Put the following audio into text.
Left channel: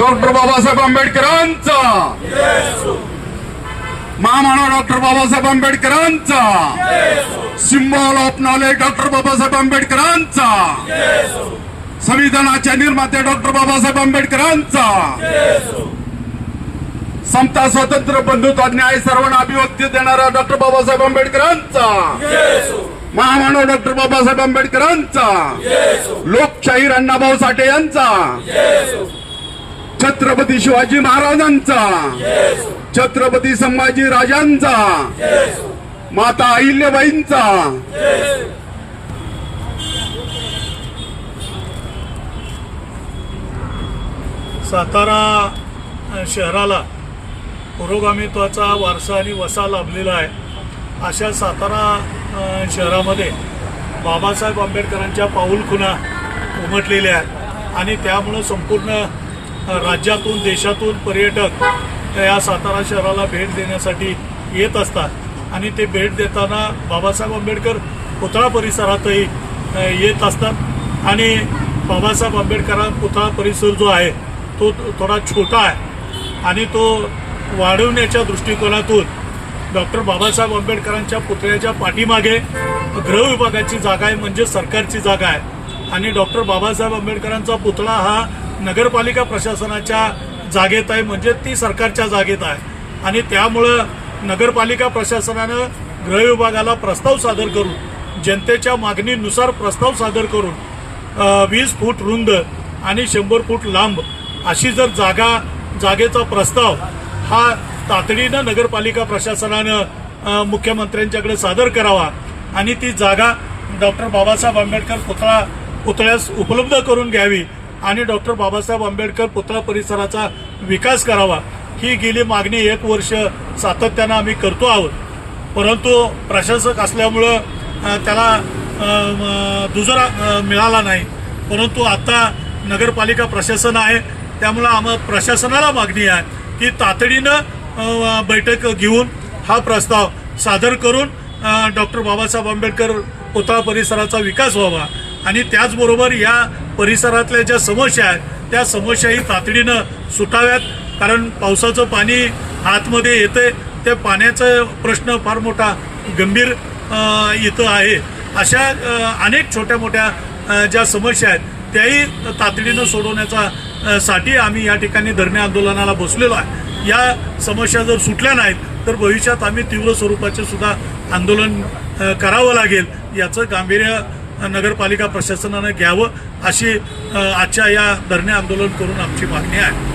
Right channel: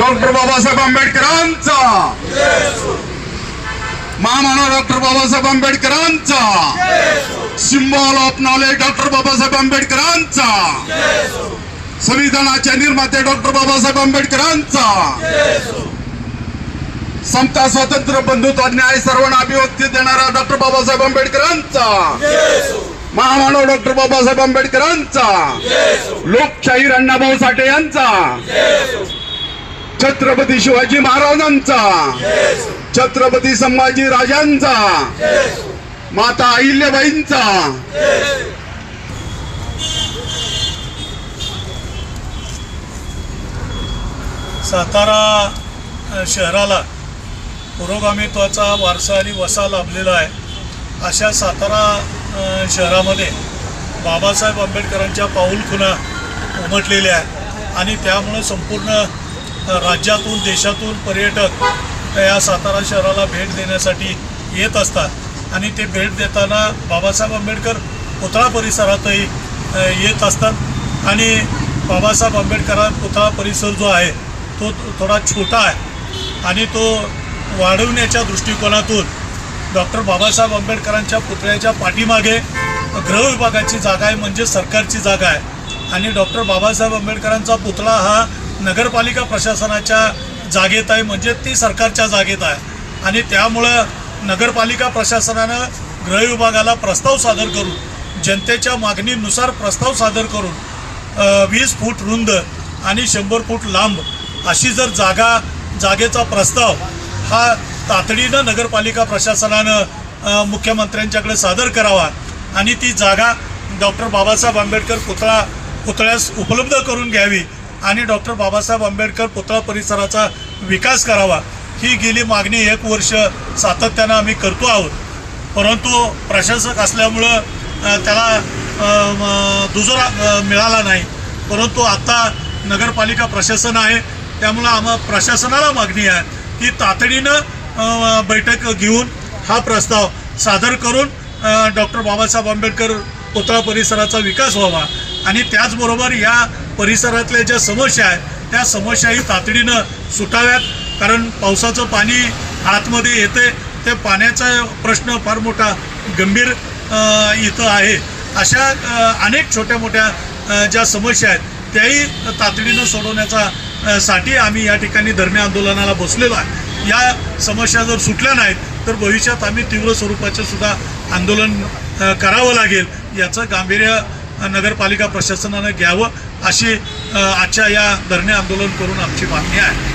Doctor Babasaheb आंबेडकरांचा, महामानव doctor Babasaheb आंबेडकरांचा, symbol of knowledge doctor Babasaheb आंबेडकरांचा, संविधानाचे निर्माते डॉक्टर बाबासाहेब आंबेडकरांचा, समता स्वातंत्र्य बंधुत्व न्याय सर्वांना अभिव्यक्ती देणाऱ्या डॉक्टर बाबासाहेब आंबेडकरांचा, महामानव डॉक्टर बाबासाहेब आंबेडकरांचा, लोकशाहीर अण्णाभाऊ साठे यांचा, छत्रपती शिवाजी महाराजांचा, छत्रपती संभाजी राजांचा, माता अहिल्याबाईंचा, सातारा शहराला पुरोगामित्वाचा वारसा आणि वसा लाभलेला आहे. अशा सातारा शहरामध्ये बाबासाहेब आंबेडकरांच्या पाऊलखुणा उमटलेल्या आहेत आणि त्यामुळे संपूर्ण राज्यातून देशातून पर्यटक या सातारा शहराला भेट देण्यासाठी येत असतात आणि ते भेट देताना बाबासाहेब आंबेडकर पुतळा परिसरातही येत असतात आणि बाबासाहेब आंबेडकर पुतळा परिसर जो आहे तो थोडा छोटा आहे आणि तो वाढवण्याच्या दृष्टिकोनातून डॉक्टर बाबासाहेब आंबेडकरांच्या पुतळ्याच्या पाठीमागे गृह विभागाची जागा आहे, म्हणजे सरकारची जागा आहे आणि डॉक्टर बाबासाहेब आंबेडकरांचा पुतळा हा नगरपालिका प्रशासनाच्या जागेत आहे, म्हणजे ती सरकारच्या जागेत आहे आणि त्यामुळं नगरपालिका प्रशासनानं गृह विभागाला प्रस्ताव सादर करून जनतेच्या मागणीनुसार प्रस्ताव सादर करून 20 फूट रुंद आणि 100 फूट लांब अशी जर जागेचा प्रस्ताव हा तातडीनं नगरपालिका प्रशासनानं मुख्यमंत्र्यांच्याकडे सादर करावा आणि ती जागा डॉक्टर बाबासाहेब आंबेडकर पुतळ्यास उपलब्ध करून घ्यावी आणि डॉक्टर बाबासाहेब आंबेडकर पुतळा परिसराचा विकास करावा. ही गेली मागणी 1 वर्ष सातत्यानं आम्ही करतो आहोत, परंतु प्रशासक असल्यामुळं त्याला दुजोरा मिळाला नाही. परंतु आता नगरपालिका प्रशासन आहे, त्यामुळं प्रशासनाला मागणी आहे की तातडीनं बैठक घेऊन हा प्रस्ताव सादर करून डॉक्टर बाबासाहेब आंबेडकर पुतळा परिसराचा विकास व्हावा आणि त्याचबरोबर या परिसरातल्या ज्या समस्या आहेत त्या समस्याही तातडीनं सुटाव्यात. कारण पावसाचं पाणी आतमध्ये येते, त्या पाण्याचा प्रश्न फार मोठा गंभीर इथं आहे. अशा अनेक छोट्या मोठ्या ज्या समस्या आहेत त्याही तातडीनं सोडवण्याचा साठी आम्ही या ठिकाणी धरणे आंदोलनाला बसलेलो आहे. या समस्या जर सुटल्या नाहीत तर भविष्यात आम्ही तीव्र स्वरूपाचे सुद्धा आंदोलन करावं लागेल. याचं गांभीर्य नगरपालिका प्रशासनानं घ्यावं अशी आजच्या या धरणे आंदोलन करून आमची मागणी आहे.